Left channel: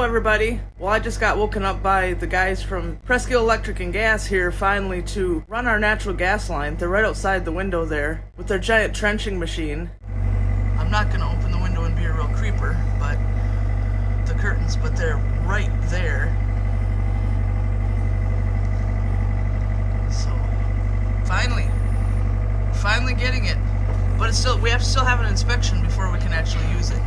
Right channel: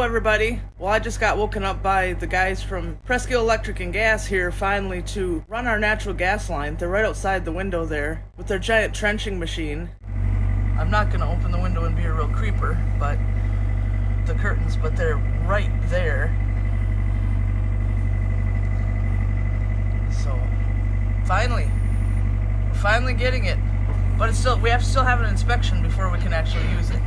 Hello everybody. Well, I just got woken up by the guys from Presque Isle Electric Gas here finally to run our natural gas line. They're right outside the window there with their giant trenching machine. I'm not going to open the window and be a real creeper, but the curtains, but they're right there. So finally getting it. But it's still, we have to still have an inspection before we can actually use it.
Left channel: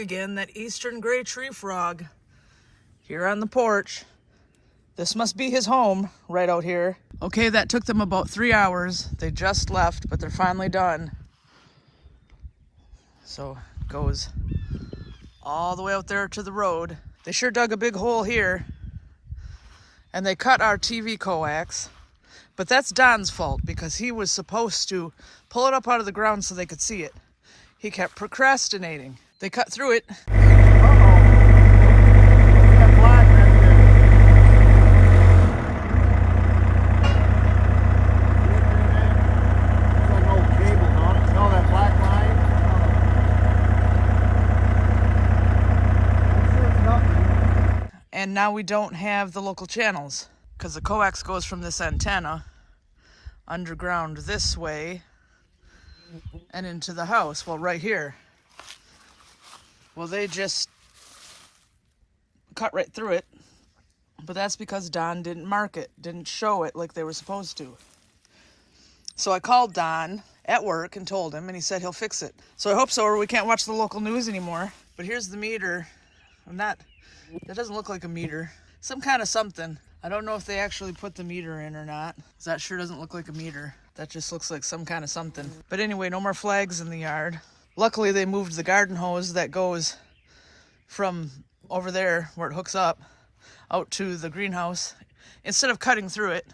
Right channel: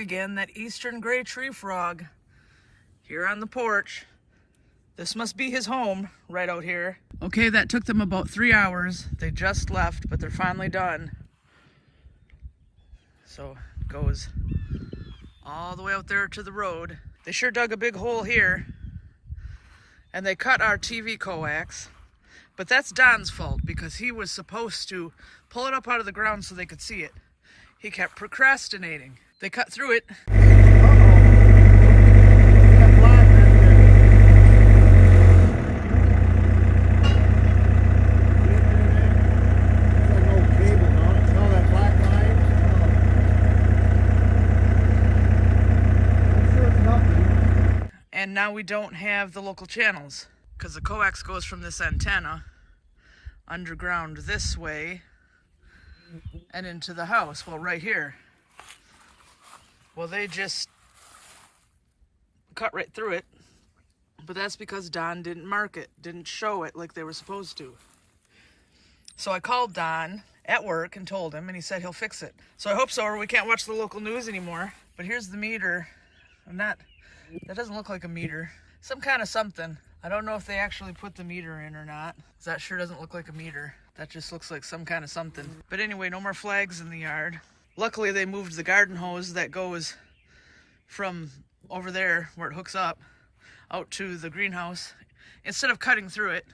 Again, that eastern gray tree frog here on the porch. This must be his home right out here. Okay, that took them about 3 hours. They just left, but they're finally done. So it goes all the way out there to the road. They sure dug a big hole here, and they cut our TV coax, but that's Don's fault because he was supposed to pull it up out of the ground so they could see it. He kept procrastinating. They cut through it. And now we don't have the local channels because the coax goes from this antenna underground this way and into the house. Well, right here. Well, they just cut right through it. But that's because Don didn't mark it, didn't show it like they were supposed to. So I called Don at work and told him, and he said he'll fix it. So I hope so, or we can't watch the local news anymore. But here's the meter. That doesn't look like a meter. Some kind of something. I don't know if they actually put the meter in or not. That sure doesn't look like a meter. That just looks like some kind of something. But anyway, no more flags in the yard. Luckily, they moved the garden hose that goes from over there where it hooks up out to the greenhouse instead of cutting through it.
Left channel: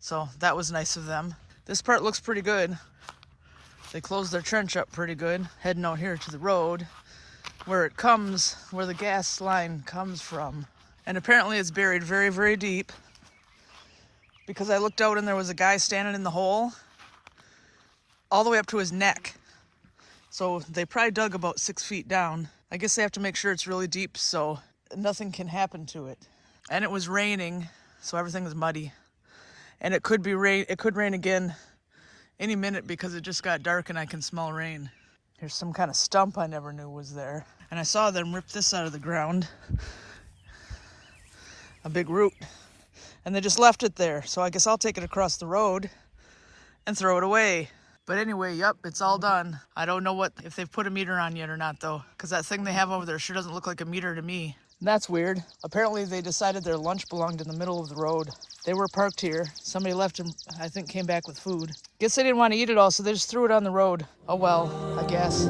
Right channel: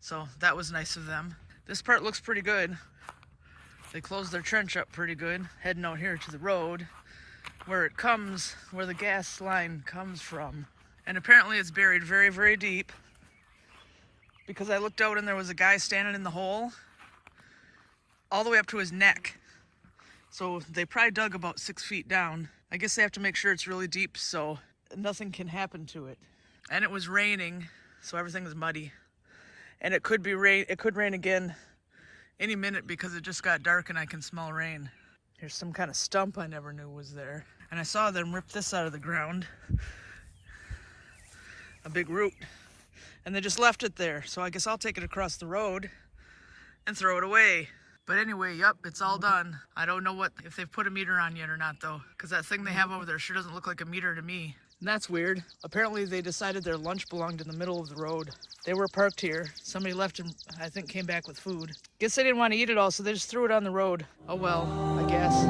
So that was nice of them. This part looks pretty good. They closed their trench up pretty good, heading out here to the road where it comes, where the gas line comes from. And apparently it's buried very, very deep, because I looked out and there was a guy standing in the hole all the way up to his neck. So they probably dug about 6 feet down. I guess they have to make sure it's really deep so nothing can happen to it. And it was raining, so everything was muddy. And it could rain again any minute because it just got dark and I can smell rain. There's some kind of stump I never knew was there. And I saw them rip this out of the ground. A big root. And they just left it there. So I guess I'll take it across the road and throw it away. But anyway, yep, it's all done. I don't know if they've put a meter on yet or not though, because that thing they have over there sure doesn't look like a meter to me. And that's weird. Apparently they decided their lunch belonged in the middle of the road. They were parked here. Somebody left and I think came back with food. Guess they didn't want to eat it all, so they just threw it on the road. Oh well, I guess.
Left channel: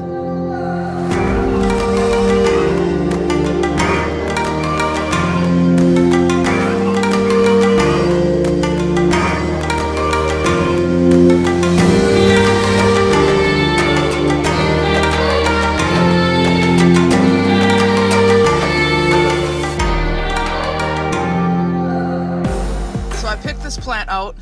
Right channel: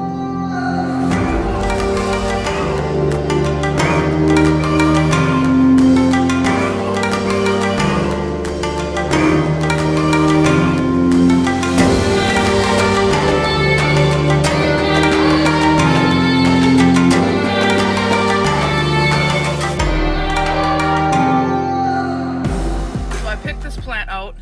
Plant out.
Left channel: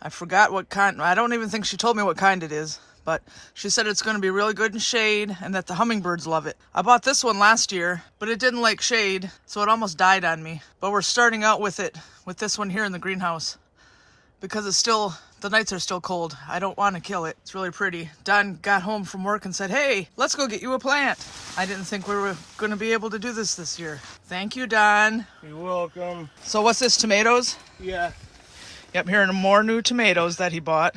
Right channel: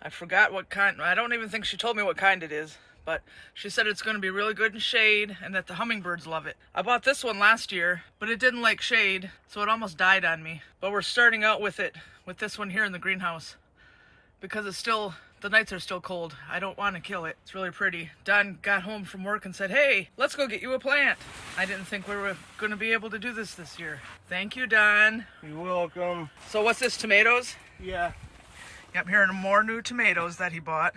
I forgot what kind. I don't even think she told me what kind it is, but she said it's going to be really good in shade and that the hummingbirds love it. I bought this one last year, but it didn't like shade, so it almost died on me. But we're starting out with this one here in the greenhouse because the nights are still cold. I don't want to kill it. It's really pretty. Don got home from work and said, "Hey, let's go get you a plant." I didn't think we were going to be able to do this year. Thank you, Don. You're welcome. So what's this, tomatoes? Yeah. Yep, here are more new tomatoes that he bought.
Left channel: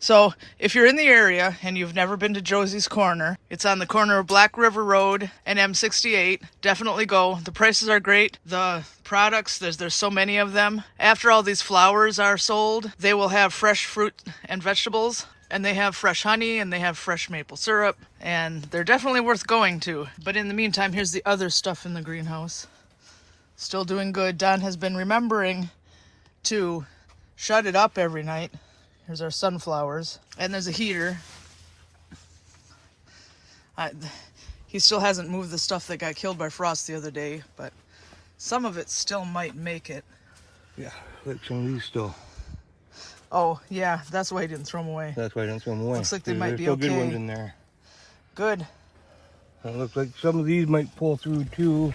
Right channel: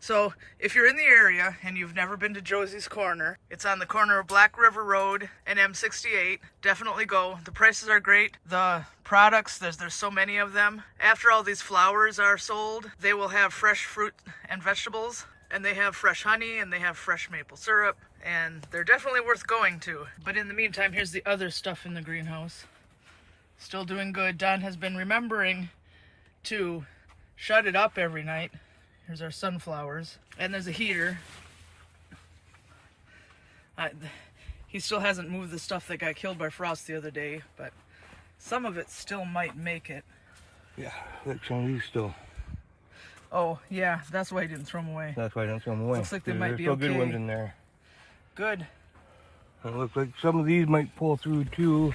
So if you're in the area and you've never been to Josey's Corner, it's on the corner of Black River Road and M68. Definitely go. The prices are great. The products, there's so many of them. After all these flowers are sold, they will have fresh fruit and vegetables, and they have fresh honey, and they have fresh maple syrup, and they're definitely worth going to. But in the meantime, here's the other stuff in the greenhouse. Still doing good. Don has been remembering to shut it up every night. Here's our sunflowers. And there's a heater. He still hasn't moved the stuff that got killed by frost the other day, but some of it still might make it. Yeah, like some of these still. Oh, yeah, that's why he didn't throw them away. That's why I don't throw them away. Looks like they might be still okay. Good ones in there. Good. And it looks like some of these might pull through too.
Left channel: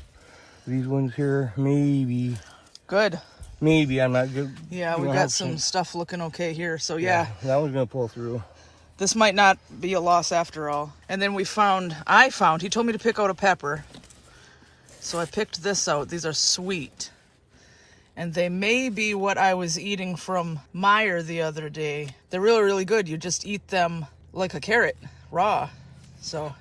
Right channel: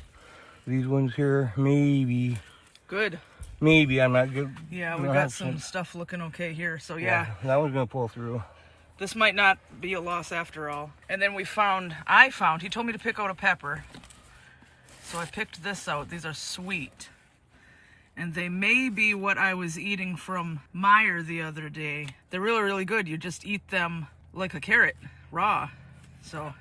These ones here, maybe. Good. Maybe, I'm not good. Yeah, we've got some stuff looking okay here, so yeah. That one's gonna pull through. This might not be a loss after all. And then I found, he told me to pick out a pepper. So I picked this out. These are sweet. And they may be what I was eating from Meyer the other day. They're really, really good. You just eat them like a carrot, raw. So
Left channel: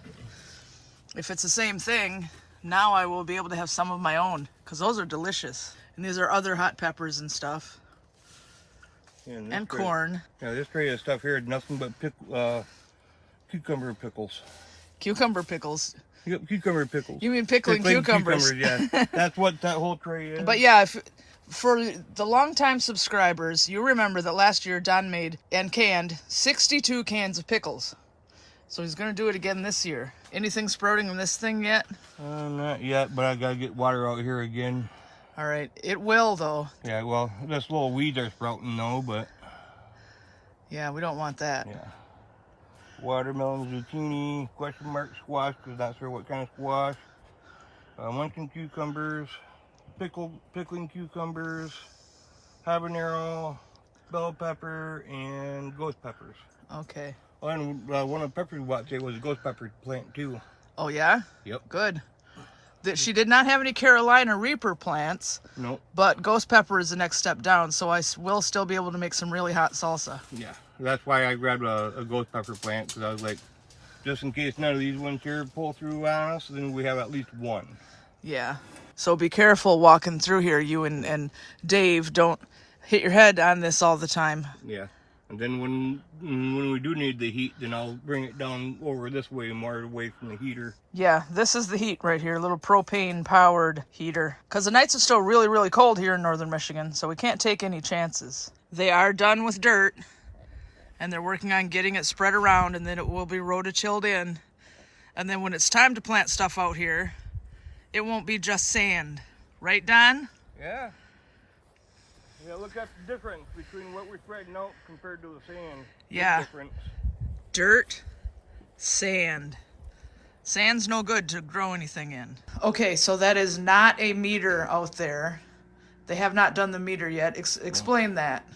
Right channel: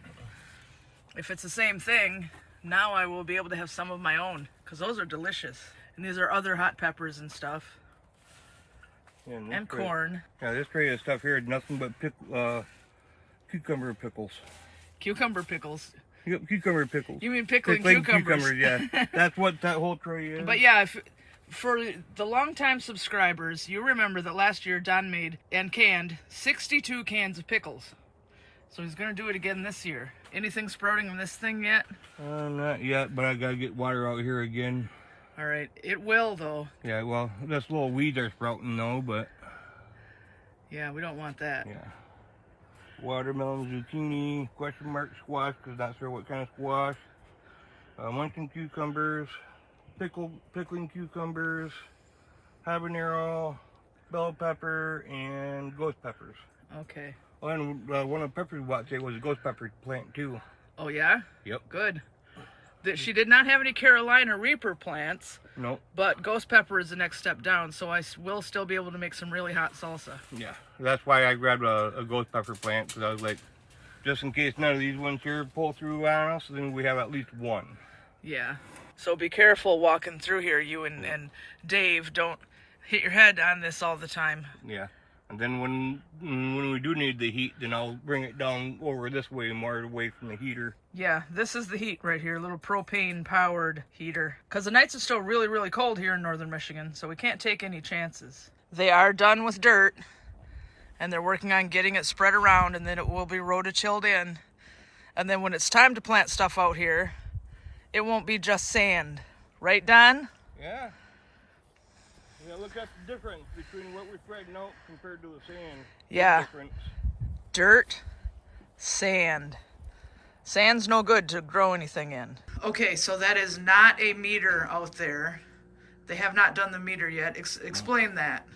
if it's the same thing, now I will be able to have some of my own, because those are delicious. And these are other hot peppers and stuff. And corn. Yeah, this tray of stuff here is nothing but cucumber pickles. Cucumber pickles. Yep, cucumber pickles. You mean pickling cucumbers? Yeah. That's what that whole tray is. But yeah, for the longtime subscribers, you remember that last year Don made and canned 62 cans of pickles. So he's going to do it again this year. Anything sprouting in this thing yet? Not yet, but I got to get water out here again. All right, it will though. Yeah, well, this little weeds are sprouting though, but... Yeah, we don't want that. Yeah. Watermelon, zucchini, question mark squash, because not sure what kind of squash. Munchkin cucumbers, pickling cucumbers, habanero, bell pepper, and ghost peppers. Okay. Oh, and one of the peppers we bought today was a ghost pepper plant too. Oh yeah? Yep. Good. That she did not have any Carolina Reaper plants. Nope. But ghost pepper is the next step down, so I will still be able to make some really hot salsa. Yeah, that's why I grabbed a ghost pepper plant, because I was like, just in case none of these ones here pull through on us, then we have at least one. Yeah. So be careful walking through here, you and Dave. Don't hit your head on this all the time. Yeah. And then when we do need the heat, then I'll bring it down over this way, more away from the heater. Yeah, this is the heat right here, a little propane-powered heater. Because the nights are still really, really cold here in northern Michigan, so we can't take any chances. They are done with dirt, and they're working on getting it spread around, and then it will be rototilled in. And then when it's time to plant stuff out here, it won't be just sand. Right, Don? Yeah. Yeah, look at the difference between what we're spreading out compared to the sand. Yeah. Difference. Dirt, sand. Sand's no good to grow anything in. Okay, so that is not a meter out there. They have not done the meter yet. Explain that.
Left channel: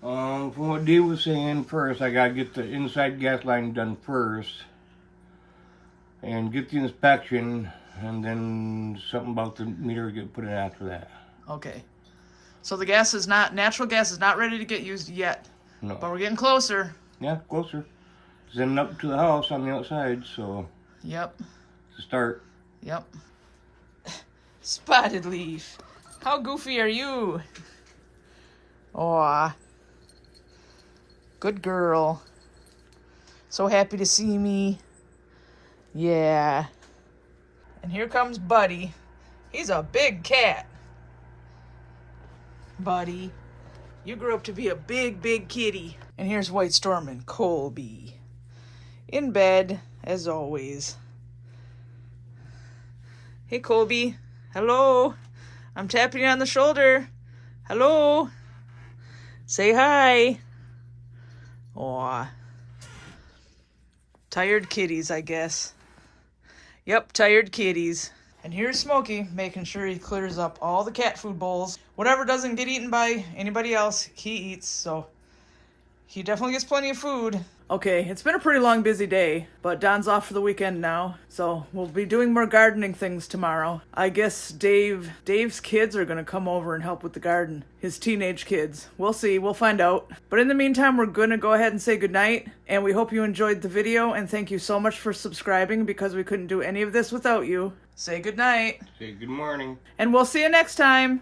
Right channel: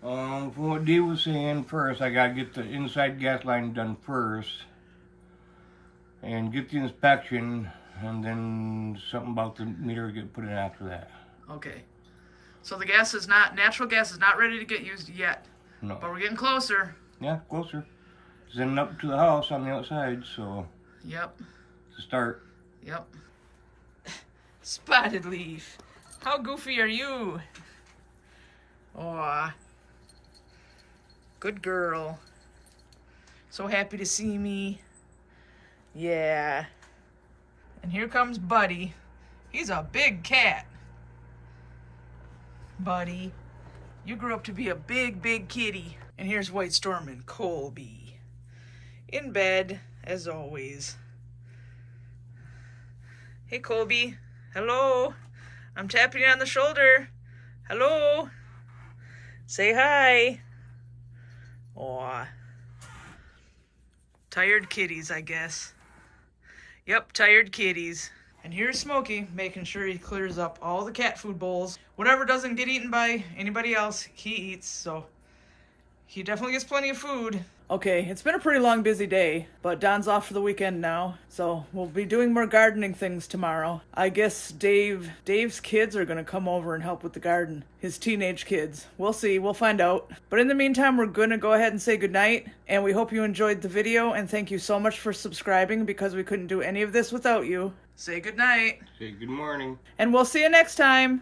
From what Dave was saying, first I gotta get the inside gas line done first, and get the inspection, and then something about the meter get put in after that. Okay. So the natural gas is not ready to get used yet. No. But we're getting closer. Yeah, closer. Then up to the house on the outside, so. Yep. To start. Yep. Spotted Leaf. How goofy are you? Aw. Good girl. So happy to see me. Yeah. And here comes Buddy. He's a big cat. Buddy, you grew up to be a big, big kitty. And here's White Storm and Colby. In bed, as always. Hey, Colby. Hello. I'm tapping you on the shoulder. Hello. Say hi. Aw. Tired kitties, I guess. Yep, tired kitties. And here's Smokey, making sure he clears up all the cat food bowls. Whatever doesn't get eaten by anybody else, he eats, so he definitely gets plenty of food. Okay, it's been a pretty long, busy day, but Don's off for the weekend now, so we'll be doing more gardening things tomorrow. I guess Dave's kids are gonna come over and help with the garden. His teenage kids. We'll see, we'll find out. But in the meantime, we're gonna go ahead and say goodnight, and we hope you enjoyed the video, and thank you so much for subscribing, because we couldn't do any of this without you. Say goodnight. Say good morning. And we'll see you next time.